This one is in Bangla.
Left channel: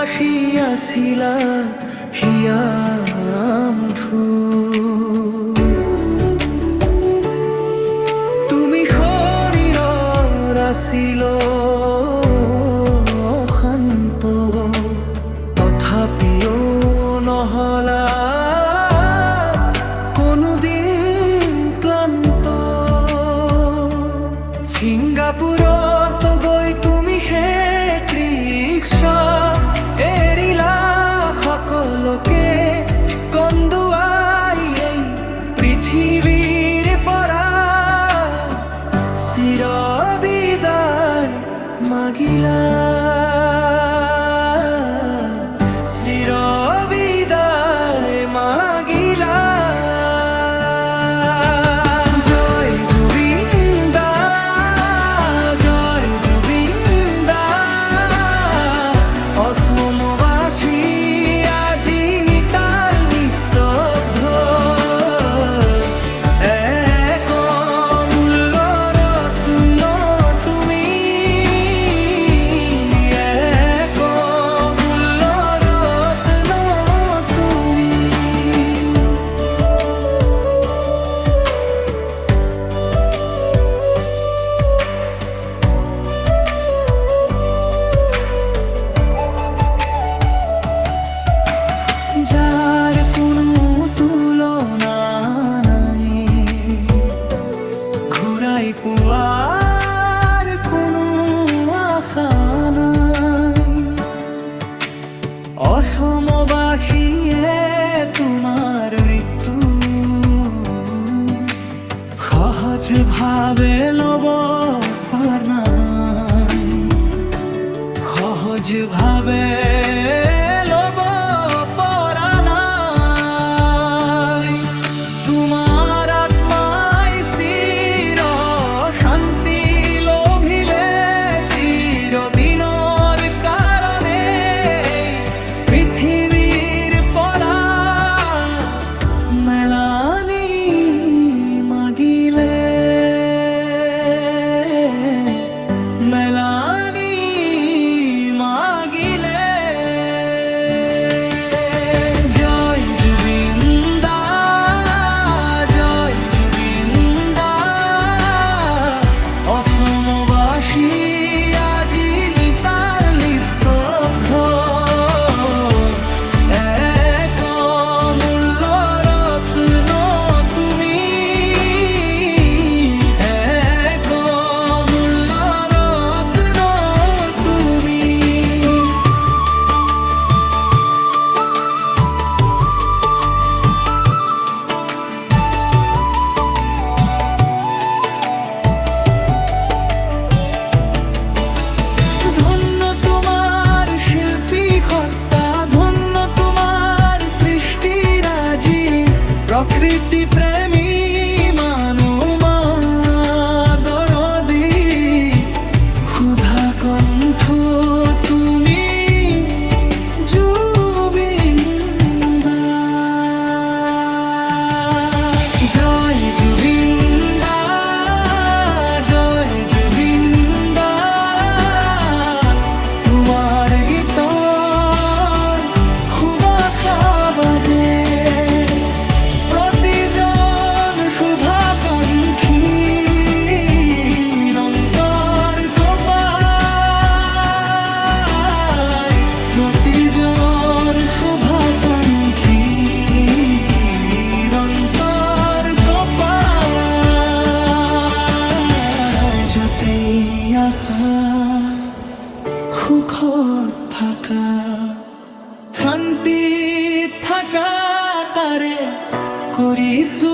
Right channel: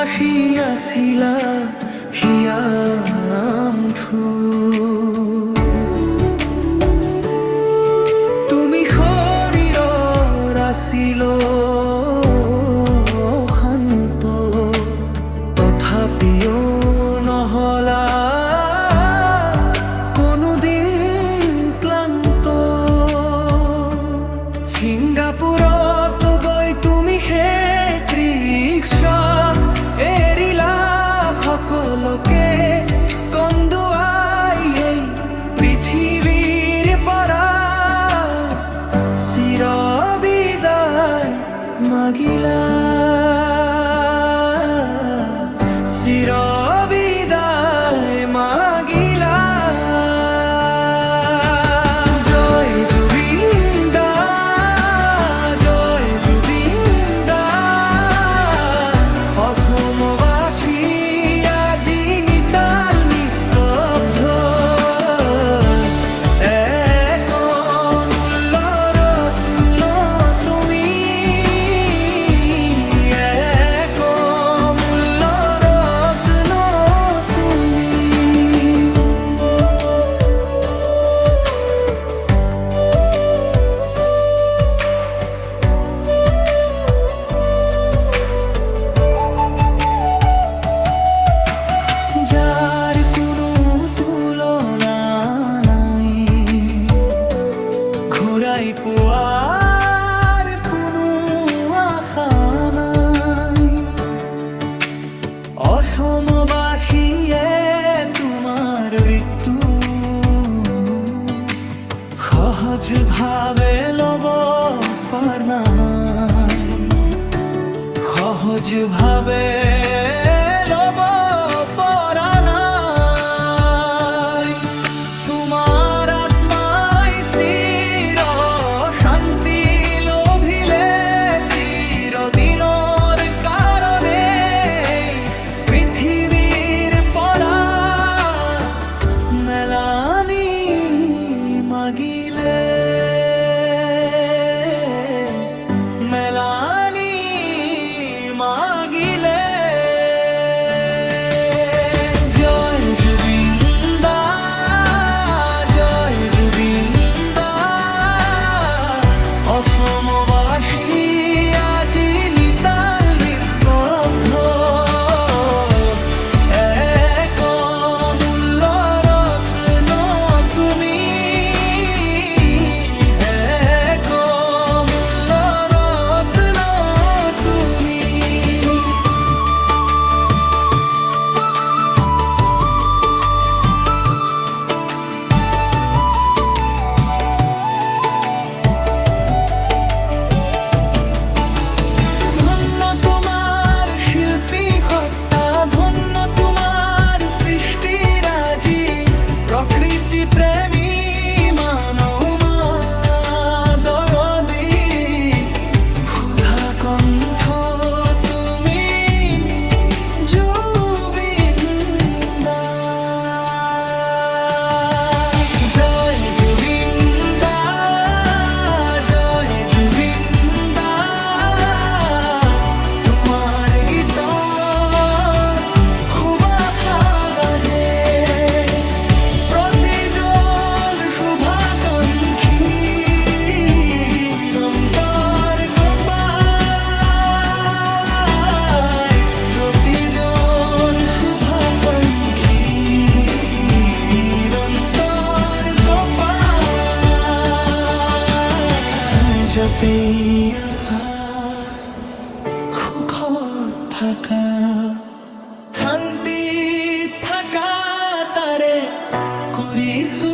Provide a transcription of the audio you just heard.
আসিয়াছিলা হিয়ামঠু তুমি শৰীৰৰ আছিল শান্ত তথাপিও নহলা কোনোদিন ক্লান্ত ছিংগাপুৰত গৈ তুমি শেষ ৰিক্সা এৰিলা সকলোকে কন্দুৱাই এই পৃথিৱীৰ পৰা চিৰ বিদায় মাগিলা চিৰ বিদায় মাগিলা জয় জুবিন দা জয় জুবিন দা অসমবাসী আজি নিতাল নিস্তব্ধ এক অমূল্য ৰত্ন তুমি এক অমূল্য ৰত্ন তুমি যার কোনো তুলনা নাই ঘূৰাই পোৱাৰ কোনো আশা নাই অসমবাসীয়ে তোমাৰ মৃত্যু সহজভাৱে ল'ব পাৰা নাই সহজভাৱে ল'ব পৰা নাই তোমাৰ আত্মাই চিৰ শান্তি লভিলে চিৰদিনৰ কাৰণে পৃথিৱীৰ পৰা মেলানি মাগিলে মেলানি মাগিলে জয় জুবিন দা জয় জুবিন দা অসমবাসী আজি নিতাল নিস্তব্ধ এক অমূল্য ৰত্ন তুমি এক অমূল্য ৰত্ন তুমি ধন্য তোমার শিল্পী সত্তা ধন্য তোমার সৃষ্টিরাজি প্রকৃতি প্রেমী মানমা দরদি ক্ষুধা কণ্ঠ তুমি জুবিন দা জয় জুবিন দা জয় জুবিন দা তোমার গীতৰ সুবাসা বাজে প্ৰতিজন শুভাকাংক্ষীৰ অন্তৰ কঁপাই প্ৰতিজন শুভাকাংক্ষীৰ অন্তৰ কঁপাই য'তে আছা সুখত থাকা শান্তিত থাকা তাৰে কৰিছো